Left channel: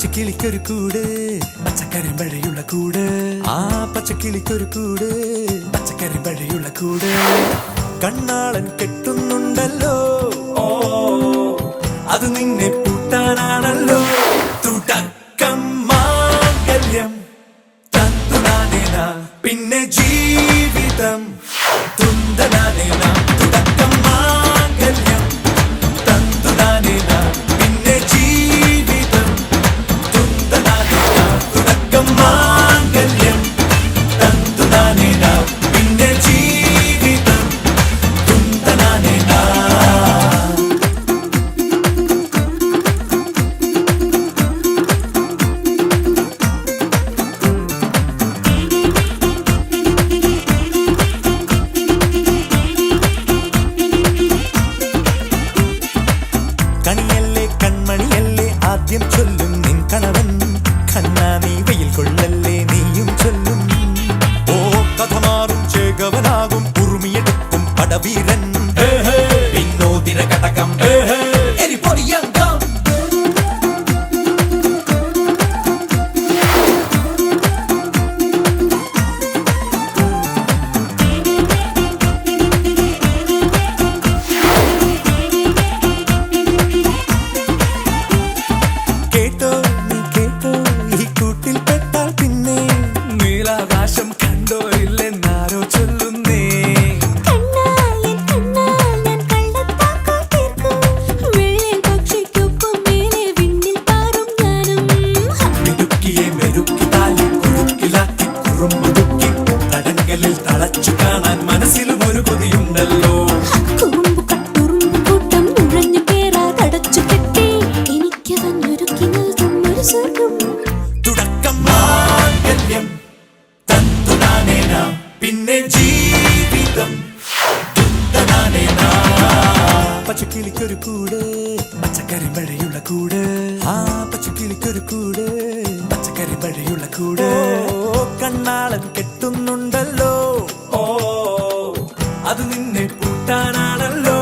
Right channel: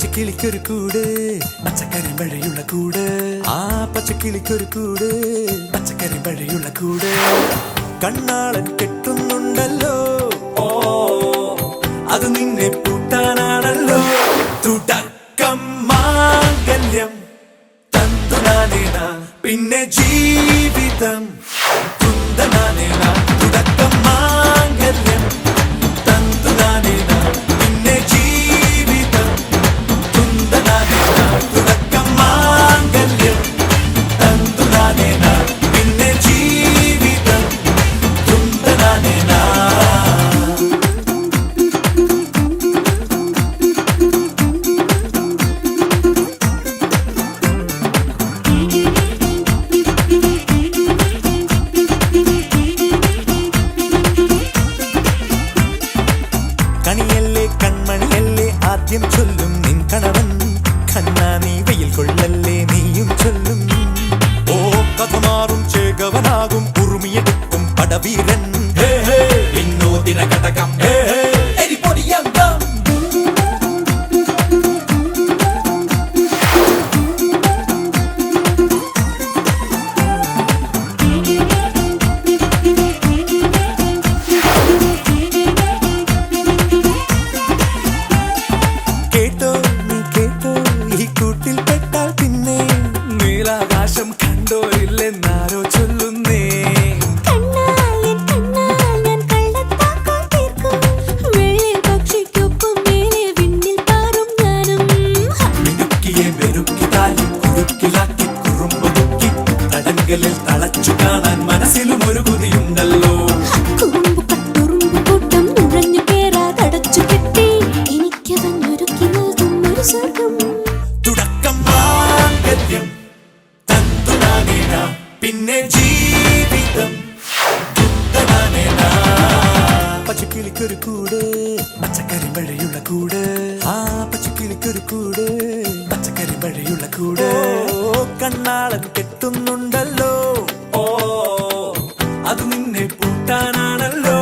പച്ചക്കിളിക്കൊരു കൂട് പച്ചക്കരിമ്പഴയുള്ള കൂട് ആ പച്ചക്കിളിക്കൊരു കൂട് പച്ചക്കരിമ്പഴയുള്ള കൂട് കണ്ണാളൻ കെട്ടുന്നുണ്ടല്ലോ അത് നിന്നെ പൂട്ടാനാണല്ലോ തുടക്കം മാംഗല്യം തന്തുനാനേന പിന്നെ ജീവിതം തുന്തനാനേന തുടക്കം മാംഗല്യം തന്തുനാനേന പിന്നെ ജീവിതം തുന്തനാനേന തുടക്കം മാംഗല്യം തന്തുനാനേന പിന്നെ ജീവിതം തുന്തനാനേന. കണിയല്ലേ കൺമണിയല്ലേ ആദ്യം ചൊല്ലും നിൻ കണവൻ കണ്ണാ നീ വെയിൽ കൊള്ളല്ലേ നീയും ചൊല്ലും ഓ കഥ മാറും ചേകവനാകും ഉറുമിയെടുക്കും പടവീരൻ വിനോദിന കടകം എരിപൊടിയങ്കം കേട്ടോ നീ കേട്ടോ ഈ കൂട്ടിൽ പെട്ടാൽ പിന്നെ നീലാകാശം കണ്ടോ ഇല്ലെന്നാരോ ചൊല്ലുന്നേ മിടുക്കിയെ മെരുക്കി താലി കുരുക്കിലാക്കി കുറുമ്പുതുക്കി തടങ്കലിൽ തളച്ചു കാണാൻ മനസ്സിലും ഒരു കൊതിയുണ്ടല്ലോ തുടക്കം മാംഗല്യം തന്തുനാനേന പിന്നെ ജീവിതം തുന്തനാനേന പച്ചക്കിളിക്കൊരു കൂട് പച്ചക്കരിമ്പഴയുള്ള കൂട് ആ പച്ചക്കിളിക്കൊരു കൂട് പച്ചക്കരിമ്പഴയുള്ള കൂട് കണ്ണാളൻ കെട്ടുന്നുണ്ടല്ലോ അത് നിന്നെ പൂട്ടാനാണല്ലോ